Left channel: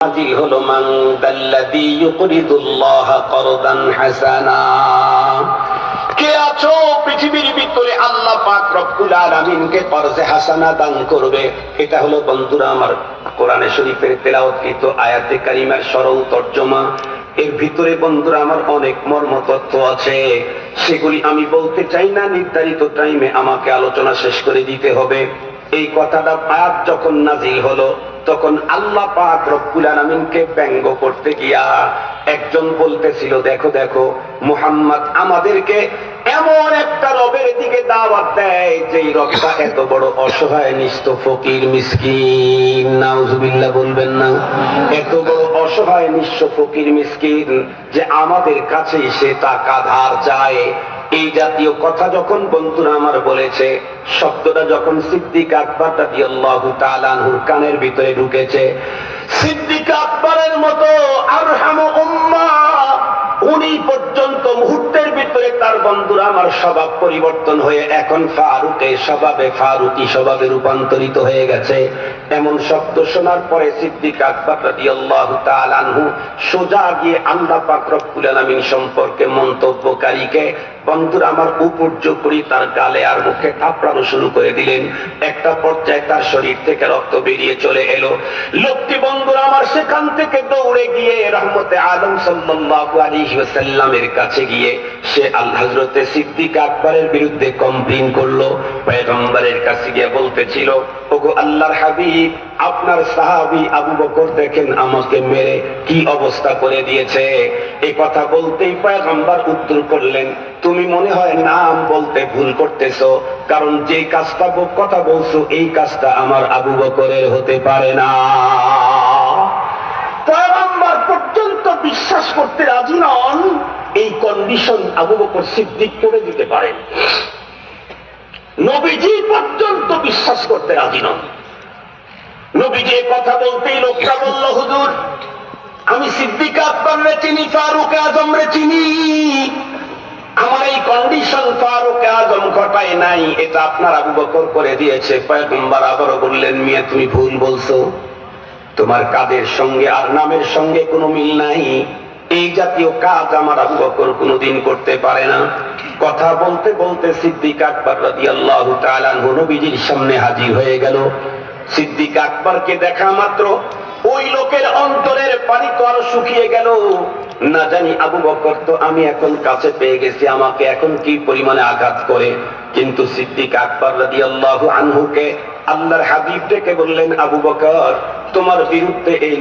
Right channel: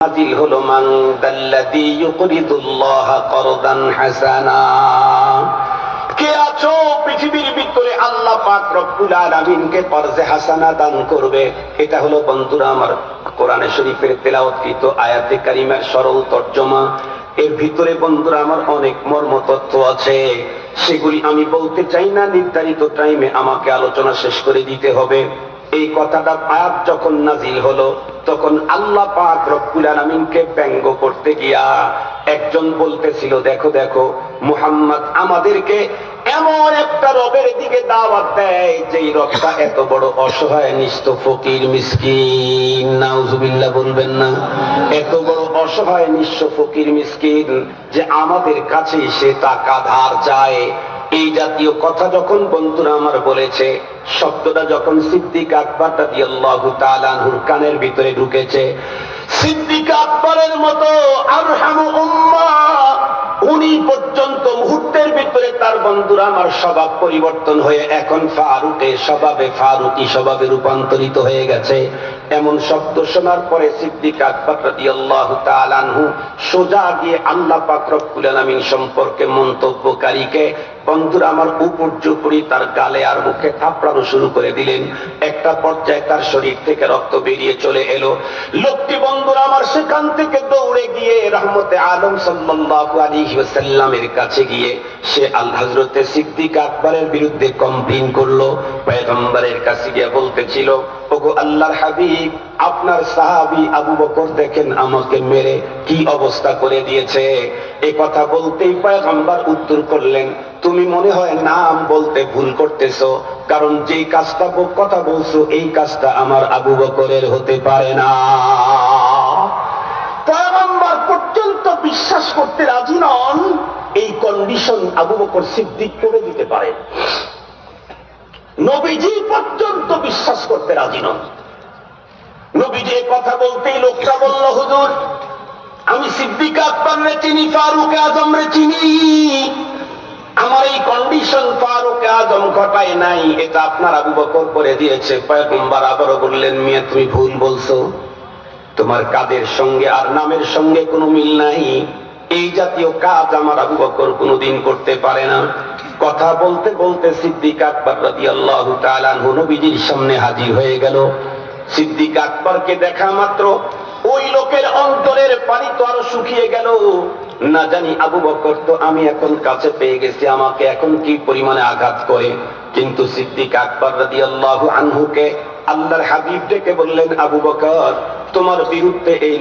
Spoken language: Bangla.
নাযিল হলো মান দাল্লাযী ইউকরিদুল্লাহা করদান হাসানা। কে আছো পৃথিবীর ভিতরে আল্লাহ পাক রব্বুল আলামিনকে করজে হাসানা দান করবে? এটা হলো বন্ধুরা আমার কোরআনে শরীফের তেলাওয়াতকৃত আয়াতে কারিমার সরল তর্জমা। এর ভিতরে বন্ধুরা আমার অনেক মর্ম তথ্য আছে, সেগুলি আমি বলতে চাই না, নির্ধারিত টাইমে আমাকে আলোচনা শেষ করে দিতে হবে। এই কথাটা আয়াত যখন নাযিল হলো তখন আল্লাহ পাক রব্বুল আলামিনকে ব্যঙ্গ করতে গিয়া একজন বলতেছিল, দেখো দেখো মুহাম্মদ আমাদেরকে এমন একটা রবের দিকে দাওয়াত দেয় যেই রবটা এত বড় অসহায় নিঃস্ব ফকির মিসকিন, নাউজুবিল্লাহ বলবেন না, এত বড় অসহায় নিঃস্ব ফকির মিসকিন যে আমাদের কাছেই সে টাকা ধার চায়। এই জাতীয় কথা যখন বন্ধুরা আমার বলেছে, শব্দটা যখন সিদ্দিক আকবর রাদিয়াল্লাহু তাআলা আনহুর কানের ভিতরে ঢুকেছে, সিদ্দিক আকবরের মতো আরহামু উম্মাহ উনি পর্যন্ত মুহূর্তের ভিতরে তার বন্ধুরা আমার স্বভাব পরিবর্তন হয়ে এখন ফারুকি স্বভাবে রূপান্তরিত হয়ে গেছে। এমন শব্দ শোনার পরে সিদ্দিক আকবর রাদিয়াল্লাহু তাআলা আনহু সোজা গিয়ে আল্লাহ পাক রব্বুল আলামিন সম্পর্কে মন্তব্যকারীকে বন্ধুরা আমার উপর্যুপরি তার গালে আর মুখে থাপড়ানো শুরু করে দিলেন। একটা পর্যায়ে তার শরীর থেকে রক্ত বেরিয়ে চলে এলো। লোকটি বন্ধুরা আমার সেখান থেকে দৌড়ে গিয়ে রহমতে আলম সাল্লাল্লাহু আলাইহি ওয়াসাল্লামের কাছে গিয়ে সে হযরতে সিদ্দিক আকবরের বিরুদ্ধে কমপ্লেইন করলো। পয়গম্বরের কাছে গিয়ে বলতেছিল, ওগো আল্লাহর হাবিব, আপনার সাহাবী আবু বকর দেখেন আমাকে মেরে কি অবস্থা করে দিয়েছে। এই কথা বলতেই পয়গম্বর উত্তর করলেন, তুমি মনে হয় নাম বলতে ভুল করতেছো, কারণ যে কাজটা কথা বলছো এই কাজটা আমার আবু বকরের হতে পারে না। পয়গম্বর পর্যন্ত বিশ্বাস করতে রাজি নন এই কন্ডিশন আবু বকর সিদ্দিক করে দিতে পারে। নবীজি পর্যন্ত বিশ্বাস করতে রাজি নন। নবীজি কথা বলতেই লোকটা বলল, হুজুর আমি সিদ্দিক আকবররে চিনি, ফারুক আজমরে চিনি, আমার এই কন্ডিশন ফারুক আজম ঘটায় নাই, এটা আপনার আবু বকর করে দিয়েছে। পয়গম্বর আবারও বললেন, মিয়া তুমি ভুল বলছো, তোমার কাজের সঙ্গে আর নামের সঙ্গে কোনো মিল নাই, এই জাতীয় কাজ আমার আবু বকর কোনোদিন করতে পারে না। কথা বলতে বলতে সিদ্দিক আকবর রাদিয়াল্লাহু তাআলা আনহু নবীজির সামনে হাজির হয়ে গেল। সিদ্দিক আকবরকে দেখা মাত্র ওই লোকের অন্তরের পানি তো আরো শুকিয়ে গেল। না জানি আবু বকর তো আমি এখন কাছে পেয়ে গেছি, আমাকে এখন কি পরিমাণে আঘাত করে। কিন্তু সিদ্দিক আকবর রাদিয়াল্লাহু আনহুকে আল্লাহর হাবিব ডেকে বললেন, আবু বকর তোমার বিরুদ্ধে এই